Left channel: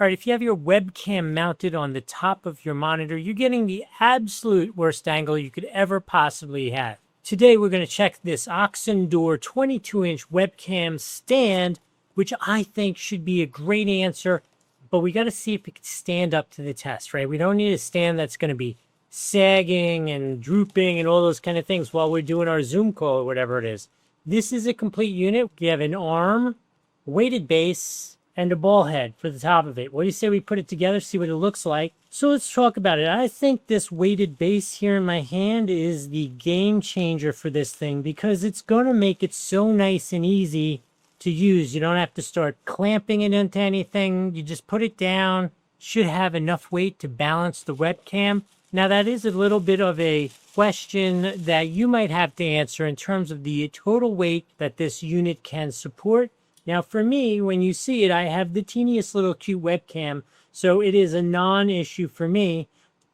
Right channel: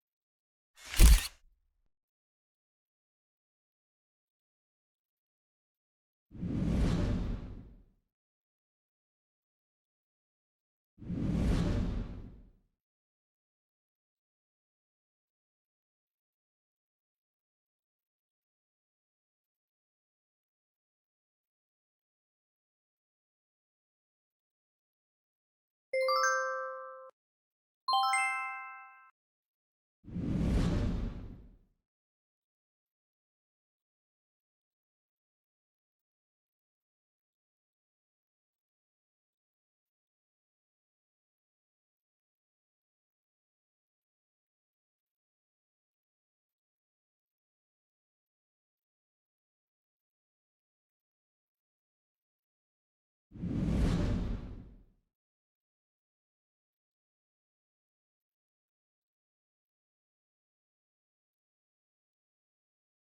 All right, if you have your webcam mounted on the top of your monitor, you're getting the absolute worst angle you could ever possibly have. Today, we're going to check this Oxendure 22-inch webcam stand, which I think should be a great answer, but we got to see if it can stand up to the test, right? We don't need a stand that's going to be sagging and drooping and all those kind of things while we're doing our Zoom call or whatever it is. This is a complete unit. You have an arm, weighted base, and a ball head for the top of it. What do you say we put it together, see what it looks like? So let's talk about it. I think this weighted base here in my hand is the game changer for this thing because it's going to make it so nice and easy to use. You don't have to start clamping it into anything. You just put it down. Should have enough weight to balance the webcam. Now that is a little bit of a question that you might have to answer in terms of the total weight that this unit can support. Now for me, when you see it, I have the teeniest little cute webcam, so it is a non-issue for me.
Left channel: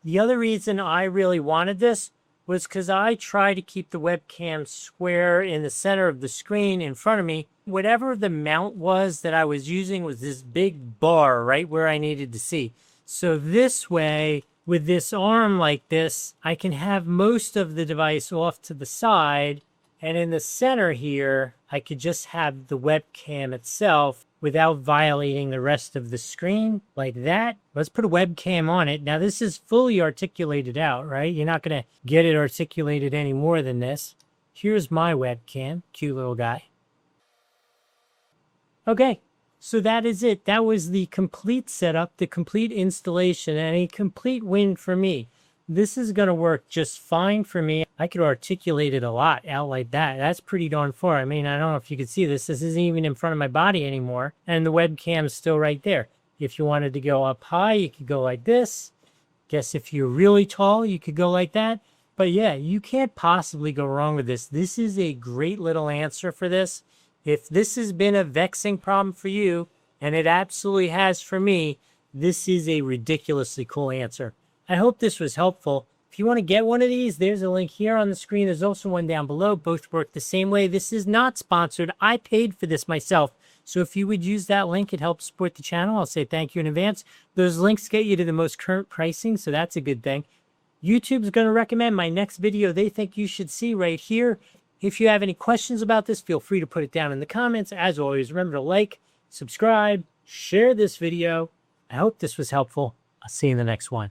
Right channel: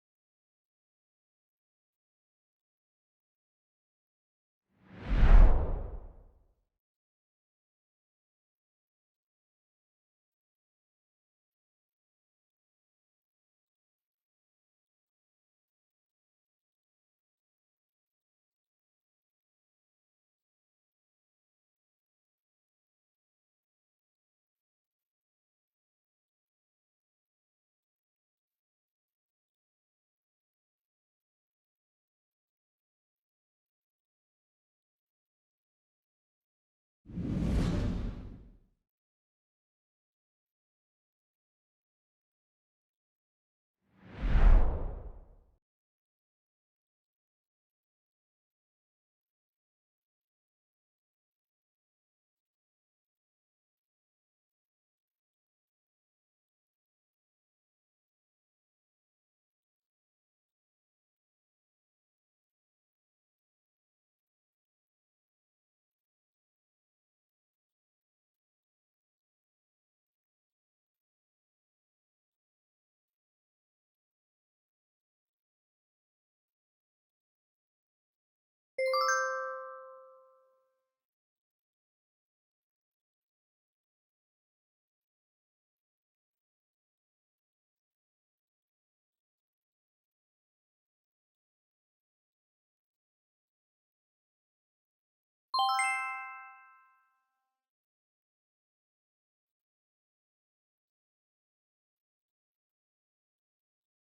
The other reason I really wanted this was because I try to keep the webcam square in the center of the screen in front of me. Whatever the mount was that I was using was this big bar right where I needed to see. So this way, with this arm like this, I can have most of the device off to the side. And in the center here, I could just have the webcam itself without violating the rest of the screen like that. Let's put a webcam on it. Now this is fully articulated out, right? You're not going to get it articulated any more than this. Here's my webcam, cute little guy. Okay, so that is it. That was the complete setup, the complete installation, and a complete win for me. This is going to work just fine for me. I could articulate it a lot out like that. That's pretty darn far. I mean, I don't know if you can see this. This isn't even in front of my body anymore. And the webcam's still right there. If you wanted to go up high, you could go like this. Guess if you're really tall, you could go like that. But yeah, you can't possibly go wrong with this. This is a great little answer for this. If this has been a vexing problem for you, and it absolutely has for me, this is a ridiculously cool answer. I hope this was helpful. If you want to get one of these, there's a link here on the screen. There's also one down below. Both work the same way. This is not sponsored. I paid for this myself. So if you would use that link, it helps support the channel. I'll say thank you in advance. Those links get you to the most current pricing, so that's a good thing. YouTube's going to recommend my next video they think you should see right here. If you have any questions about this, feel free to put it down in the comments. As always, remember to like, subscribe, share this video. I hope this was helpful. I'll see you in the next one.